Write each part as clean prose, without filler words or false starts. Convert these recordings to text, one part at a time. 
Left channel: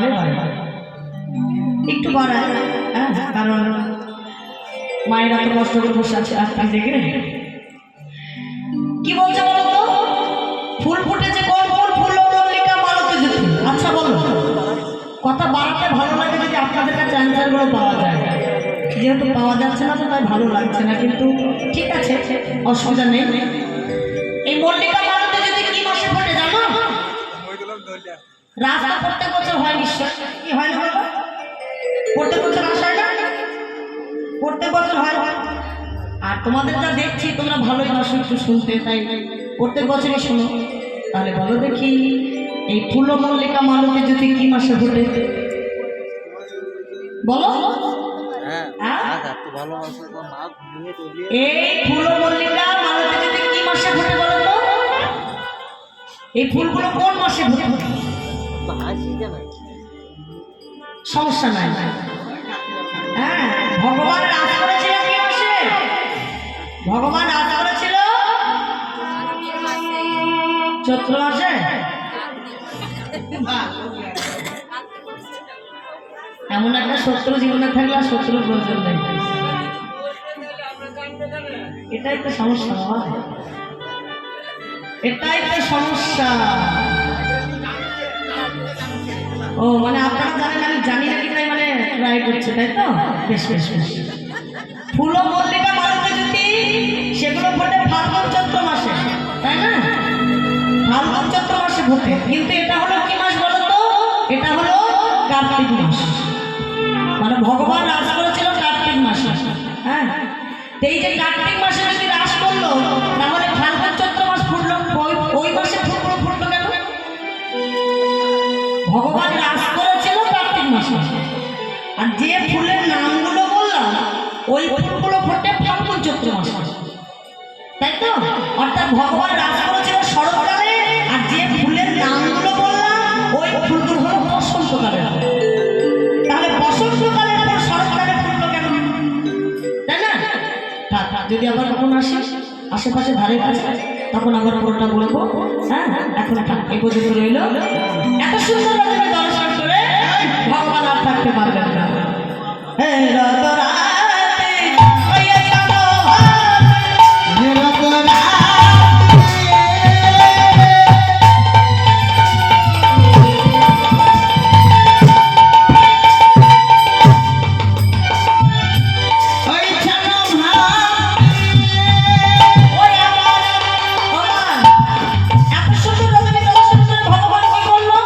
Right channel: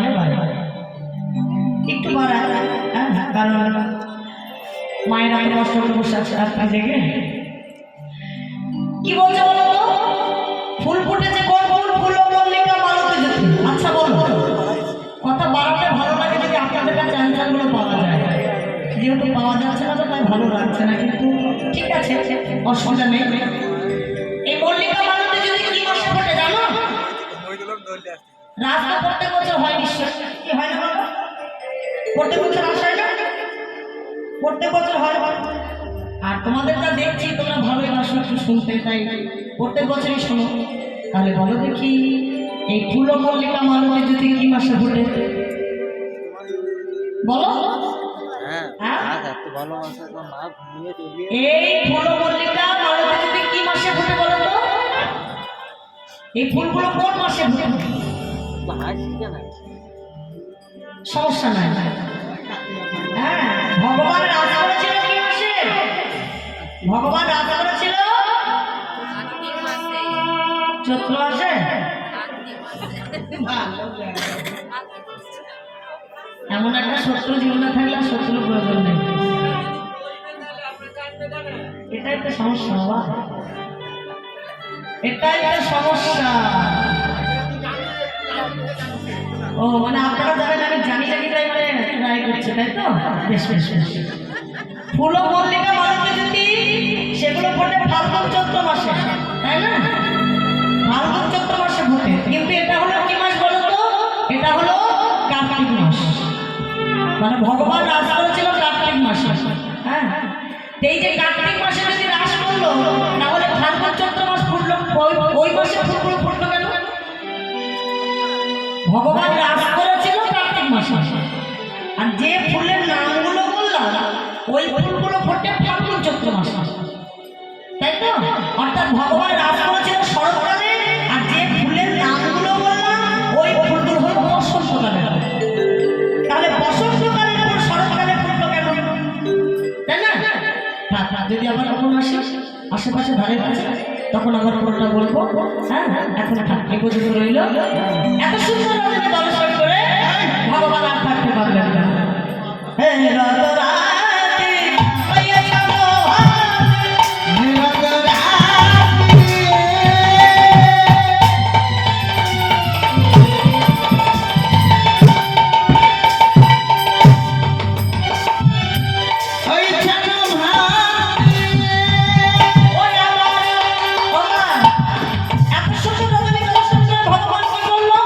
নিলে একটু বাড়ায়, হ্যাঁ, কারণ মায়েরা তো কষ্ট করে বসে আছে আপনার দেখে। কি বলছে বলো তো? ফুল ফুটেছে কোন কোন ফুল মল্লিকা মালতে যেতে। আচ্ছা বলো, কথা বাড়াতে ভালো লাগে যদি আপনাদের কাছে অ্যান্সারগুলো পাওয়া যায়। যেহেতু পাওয়া যাচ্ছে না তো তাই ভালো লাগছে না, কিন্তু ঠিক আছে, অসুবিধা নেই। এই মল্লিকা মালতে যদি কি মাসে ফোটে জানো? রাস্তা প্রত্যেক বছর হয় নিশ্চয়, কি হয় না বলো? প্রত্যেক বছর আসা হয় না? প্রত্যেক বছর হয়। আর তোমাদের যা দেখছি তোমরা ভালোই বাসো একটু শুনতে, তাই প্রত্যেক বছরই শোনো। তাহলে বলো দেখি, এই ফুল মল্লিকা মালতী যদি কি মাসে ফোটে বলো? এই ফুল মল্লিকা মালতী যদি কি মাসে ফোটে বলো তো? এই ফুলগুলো কোন মাসে ফোটে? সমস্যা নাই। হ্যাঁ, ভগবান রাজ করেছিল কি মাসে? ভগবান রাজ করেছিল চৈত্র মাসে। এমন একটা শত্রু জীবনে থাকলে আর শত্রুর প্রয়োজন নেই। এটাই তো সমস্যা বাবা, এটাই তো সমস্যা। ও মানে আপনারা জানেন আমি জানি নাকি, তাই মানে ট্রাই করছে, তাই তো? বেশ বেশ বেশ। ফুল মল্লিকা মালতী যদি সেগুলো ফোটে ফাল্গুন চৈত্র মাসে, তাই না? ফাল্গুন চৈত্র মাসে ফোটে, কিন্তু এটা হলো কি মাস বলো তো? এটা হলো কার্তিক মাস। মানে ভগবান রাজ করেছিল কার্তিক মাসে। হ্যাঁ, এই যে কার্তিক মাসে যদি রাজ করলো, তাহলে ফাল্গুন চৈত্র মাস ফুটলো, ওই মাসে ফুলগুলো ফুটলো কেন? ভগবান রাজ করেছিল কার্তিক মাসে, আর যে ফুলের নামগুলো বললাম ওই ফুলগুলো ফোটে ফাল্গুন চৈত্র মাসে, তাই তো? অর্থাৎ ভগবান রাজ করেছিল শরৎকালে, আর যে ফুলের নামগুলো বললাম ওই ফুলগুলো হলো বসন্তকালে। তাহলে বসন্তকালের পর শরৎকালে ফুটলো কেন? তাই না? যদি আবার কখন আসে আশেপাশে ধারে কাছে, তখন আবার পুরোটা বলবো। হ্যাঁ, এখন এই পর্যন্ত রইল। এত সুন্দর রকমের দর্শন করে ভগবান আর থাকতে পারবেন না। ভগবান কি বললো?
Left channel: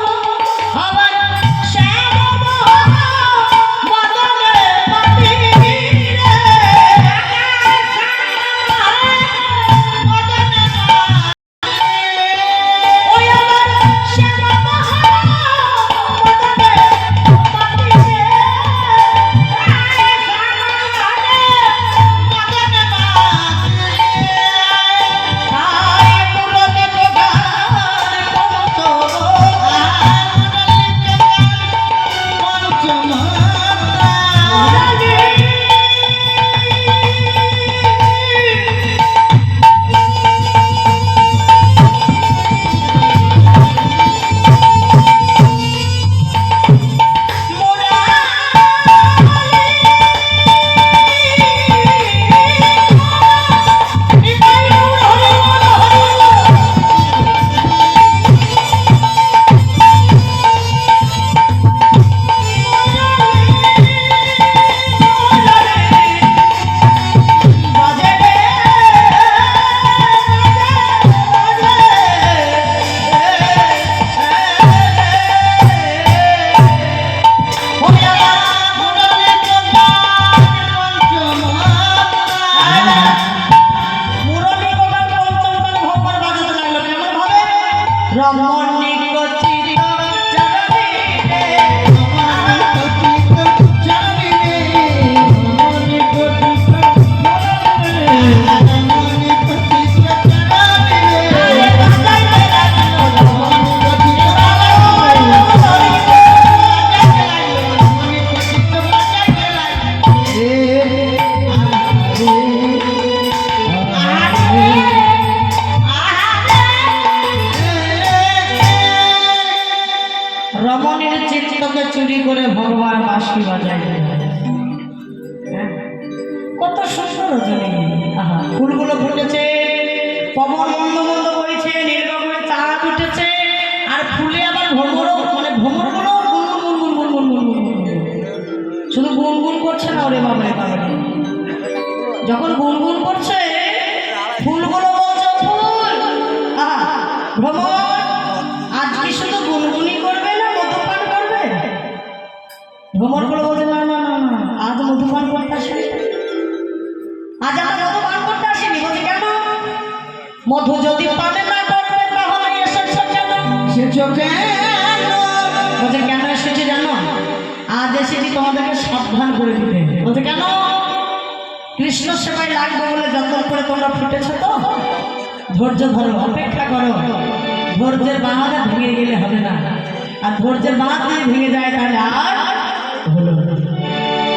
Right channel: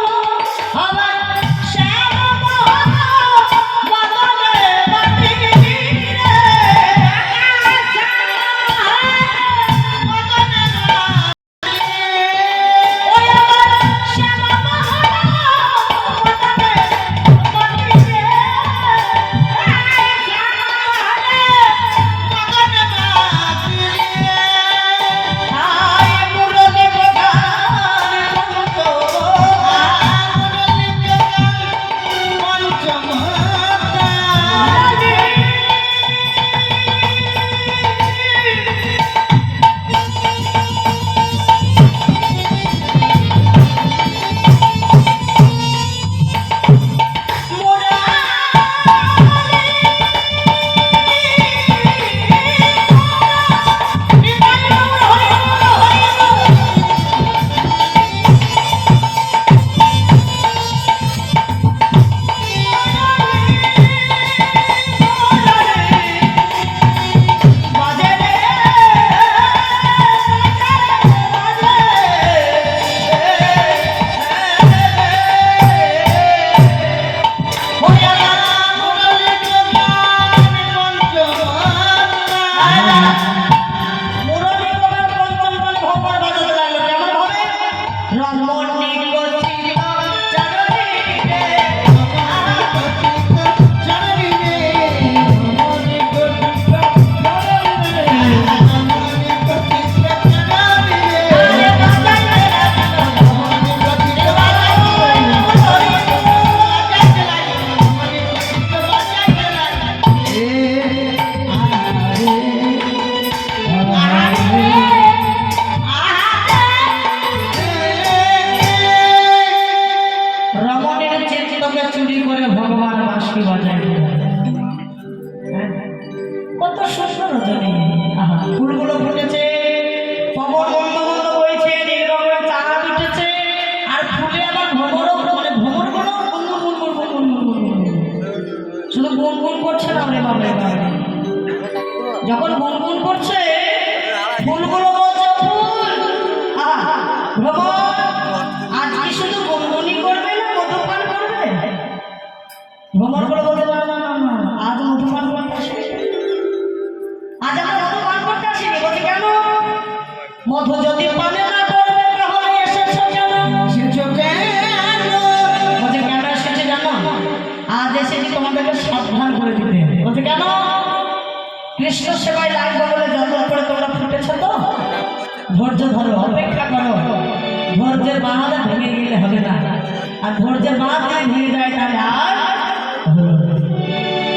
চুরি করে ভগবান বাঁশি বাজায়। হ্যাঁ, কত সুন্দর রজনী। আহা, ফুলগুলো ফুটেছে, পবন মন্দ মন্দ বইছে, নীল রঙের চাঁদ উঠেছে, আর ফুলে আবার ভ্রমরও মানে ভ্রমরগুলো গুনগুন গুনগুন গুনগুন গুনগুন শুধু গুনগুন করছে না। ওরে বাবা রে বাবা, যখন গুনগুন করছে ফুলগুলো বলছে ফুল, আহা ভ্রমর আজ কি শুধু গুনগুনি করবে না মধুপান করবে? ভ্রমরগুলো বলছে না না না না, আজ মধুপান করতে আসবে, আজ আমরা মধুপান করতে আসিনি। বলছে কেন? মধু যদি পানে না করবে তাহলে এসেছো কেন? এসেছো কেন? বলছে কেন এসেছে জানো? আজ এসেছি তোমাদেরকে সাবধান করে দিতে। বলছে কেন? কৃষ্ণ সেবায় লাগবে বলে যত্ন করে তোমরা ফুটেছো তো, ধৈর্য ধরো, অপেক্ষা করো। ধৈর্যের বাঁধ ভেঙে গেলে হবে না, আর ধৈর্যের বাঁধ যদি ভেঙে যায় তাহলে আর হলো না।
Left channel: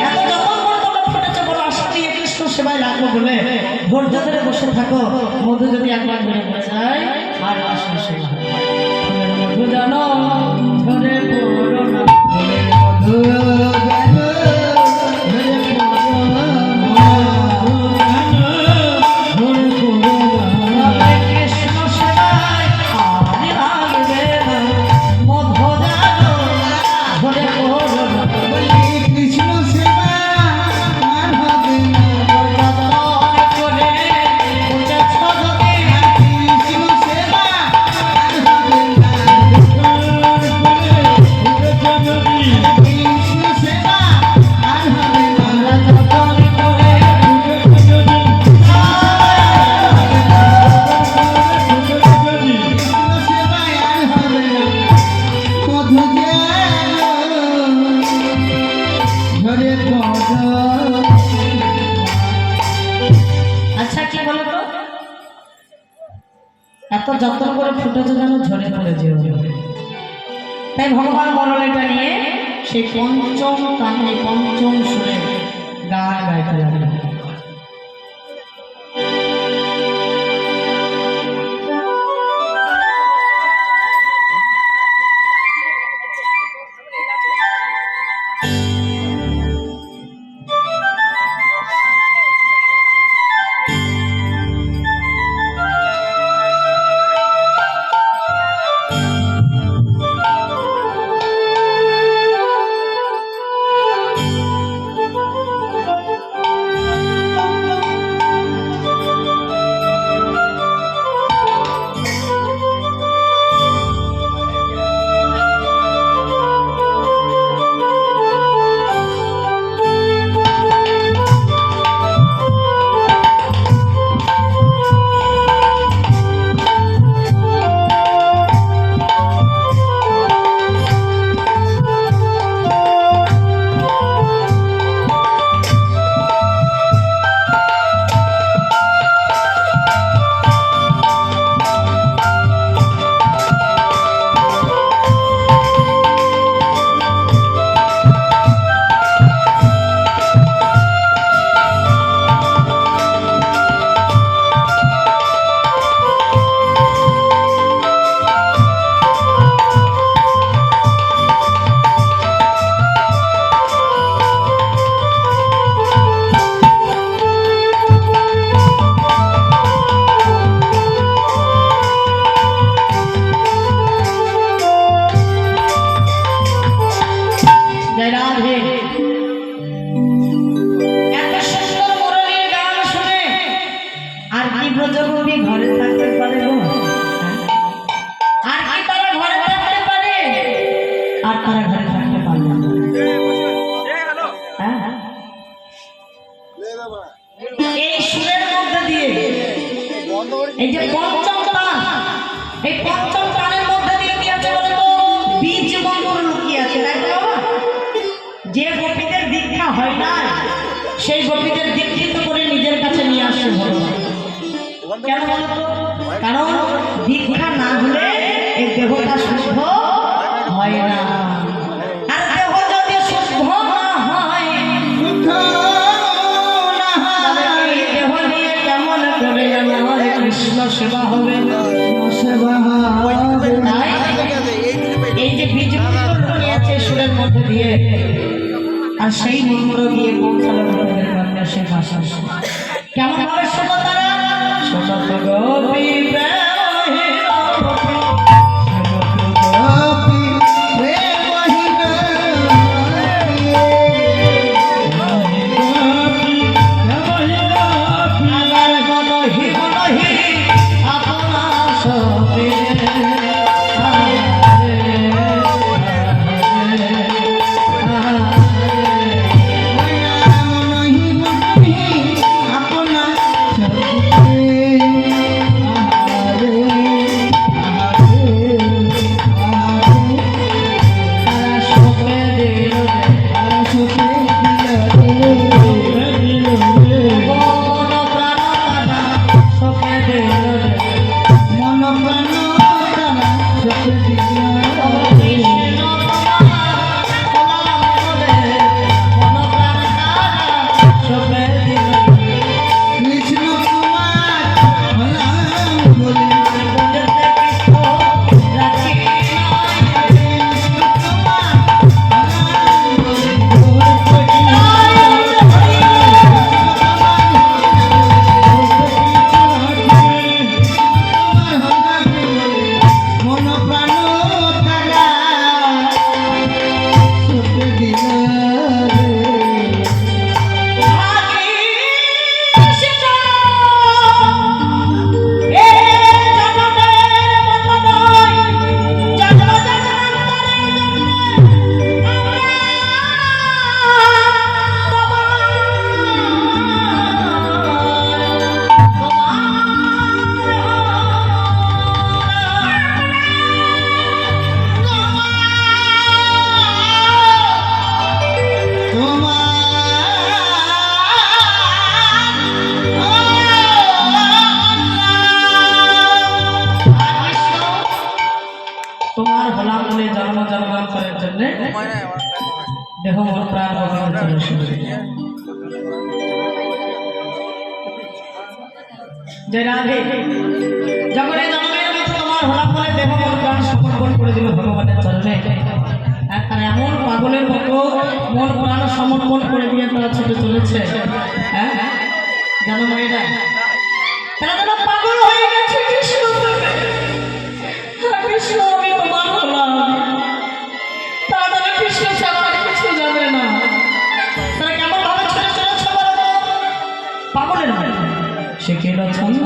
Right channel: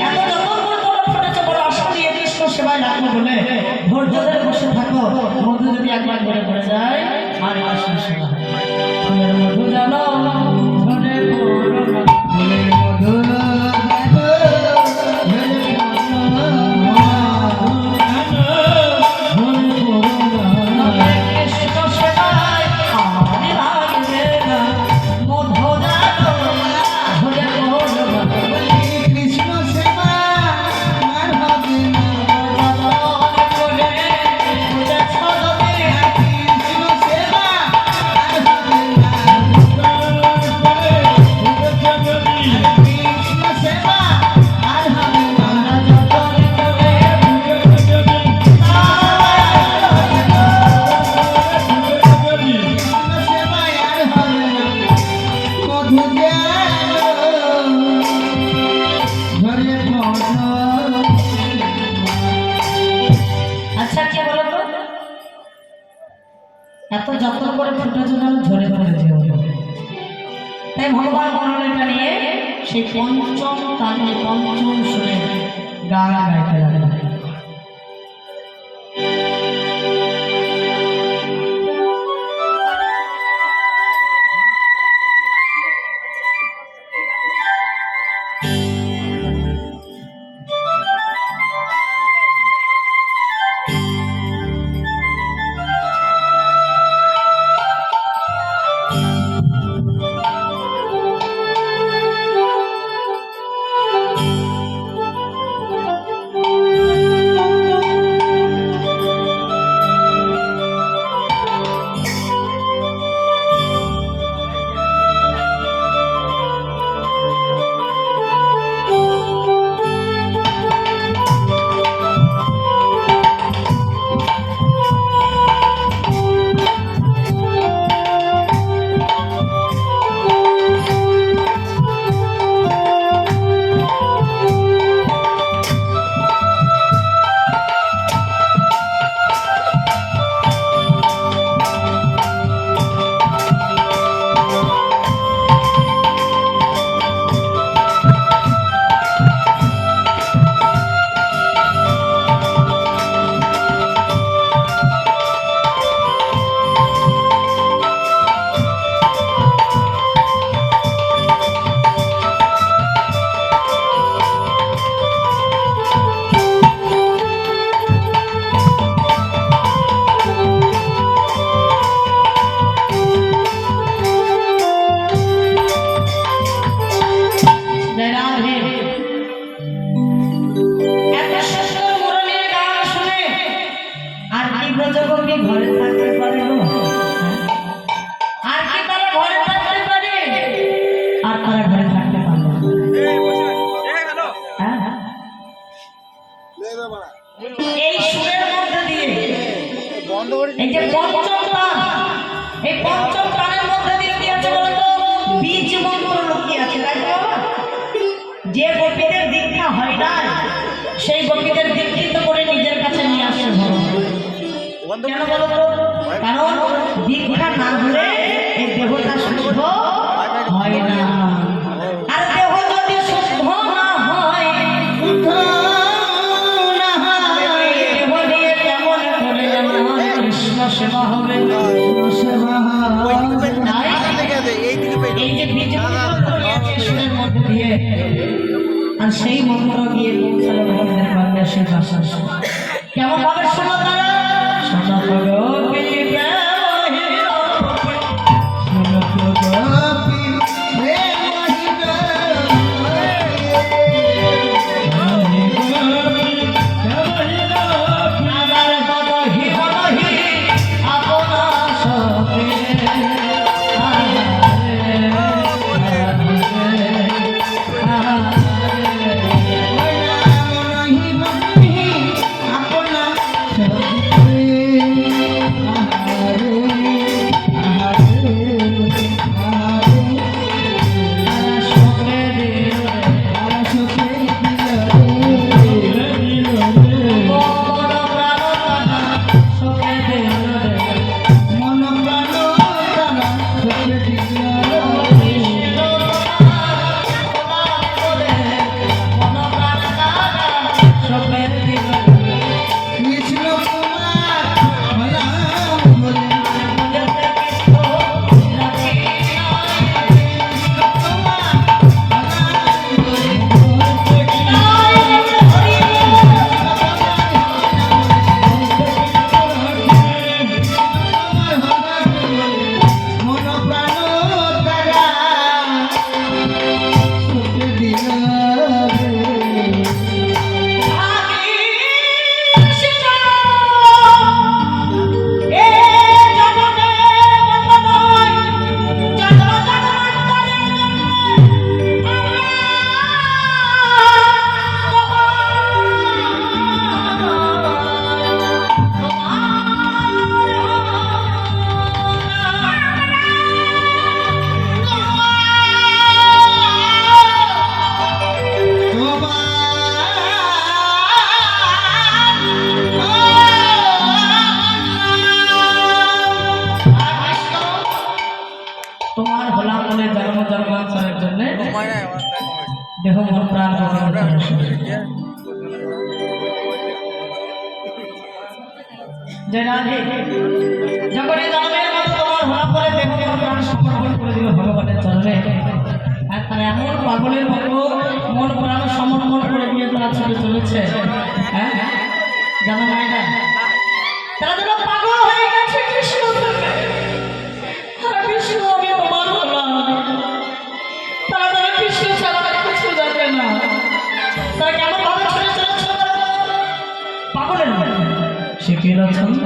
এত যত্ন করে তোমরা ফুটেছো বলে আশা নিয়ে কৃষ্ণ সেবায় লাগবো বলে ধৈর্য ধরে বসে থাকো। মধু যদি একবার ধরে পড়ে যায় আর আসা সেবা মধু জানো ধরে পড়ো না, মধু এত যত্ন করে ফুটেছে যেন ঝরে পড়ে যেও। তাই ভগবান বরণীটা নিয়ে সেই পঞ্চম কানে পঞ্চম সুরে গান গাইতে লাগলেন। এই সুরের মধ্যে দিয়ে এই যে পঞ্চম প্রাণ, এই পঞ্চম প্রাণের মধ্যে দিয়ে কি আছে বলে তো বীজ মন্ত্র লুকিয়ে আছে, তাই তো? যে গোপীদের দীক্ষা হয় না সেই গোপীদের দীক্ষিত করে নিজের কাছে নিয়ে আসে ভগবান। কেন বলো তো? কারণ দীক্ষা না ধরে এই দেহটা শুদ্ধ হয় না। আর দেহ যদি শুদ্ধ না হয়, শুদ্ধ না হয়, দেহ দিয়ে কেমন করে আমার কৃষ্ণ সেবা হবে? সেবা এই যে বীজ নিয়েছে সুরের মধ্যে দিয়ে আর সেই মন্ত্র গিয়ে পৌঁছালো ভগবানের বাক্যে সে ভাষা কেমন ভাবে শোনো তারা শোনো গোপী তোমার হলাম বলে জন্ম জন্মান্তরের জন্য দেহ মন প্রাণ ভগবানের চরণ সেবা জয় রাধে যখন এই জন্মের মতো তোমার হলাম বলে দেহ মন প্রাণ সমর্পণ করে দিল ভগবানের চরণে আর তারা এমন পাগলের মতো মন প্রাণ সমর্পণ করে দিয়ে তারা ছুটে চলেছে হ্যাঁ জানো মায়েরা তারা যেন পাগল হয়ে গেছে কৃষ্ণ কৃষ্ণ আমি তোমার হলাম তারা তারা কৃষ্ণ ছাড়া কিছু জানে না তারা কেমন ভাবে ছেড়ে চলেছে পাগলের মতো সে কেন ছন্দ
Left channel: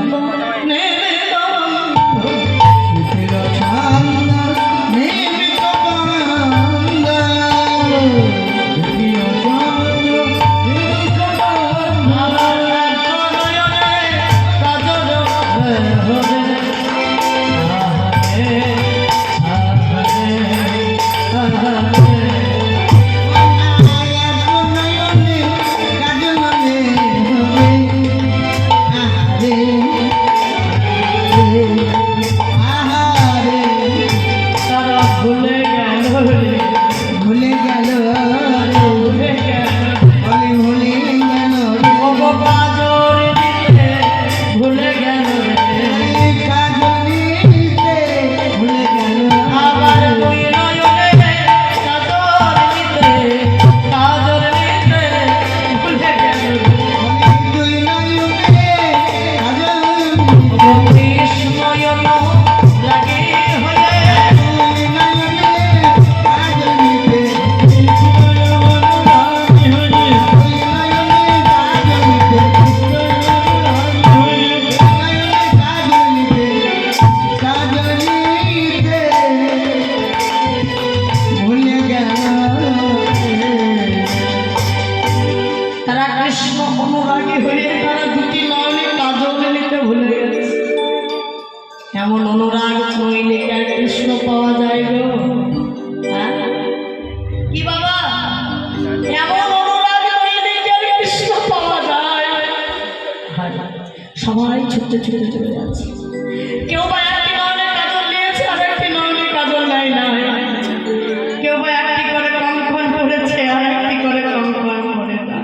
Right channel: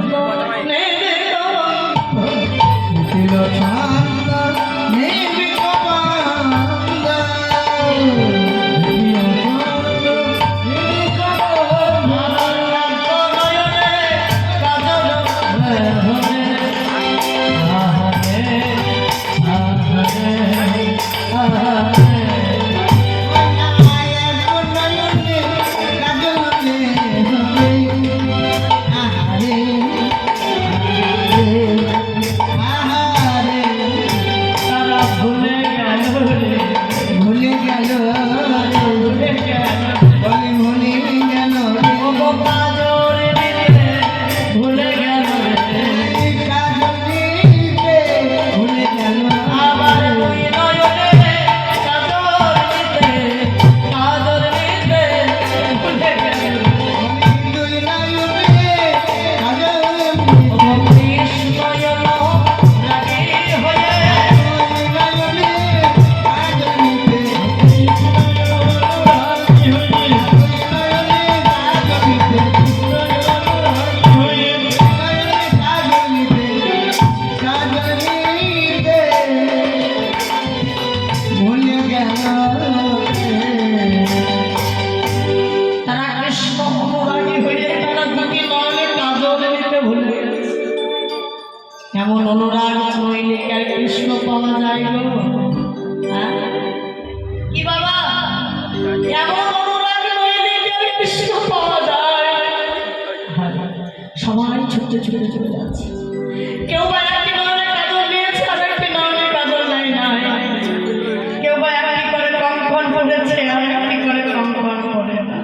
এমন অনুরাগ নইলে কি আর কৃষ্ণ পাওয়া যায় গো কি বাবা এমন অনুরাগ নইলে কি আর কৃষ্ণ পাওয়া যায় সবাই ছুটতে ছুটতে চলে যাচ্ছে কেউ বা একটি নয়নে কাজল নিয়েছে আর একটি নয়নে কাজল নাই নাই কেউ বা একটি করে কঙ্কন পড়েছে আর একটি করে কঙ্কন পড়ে না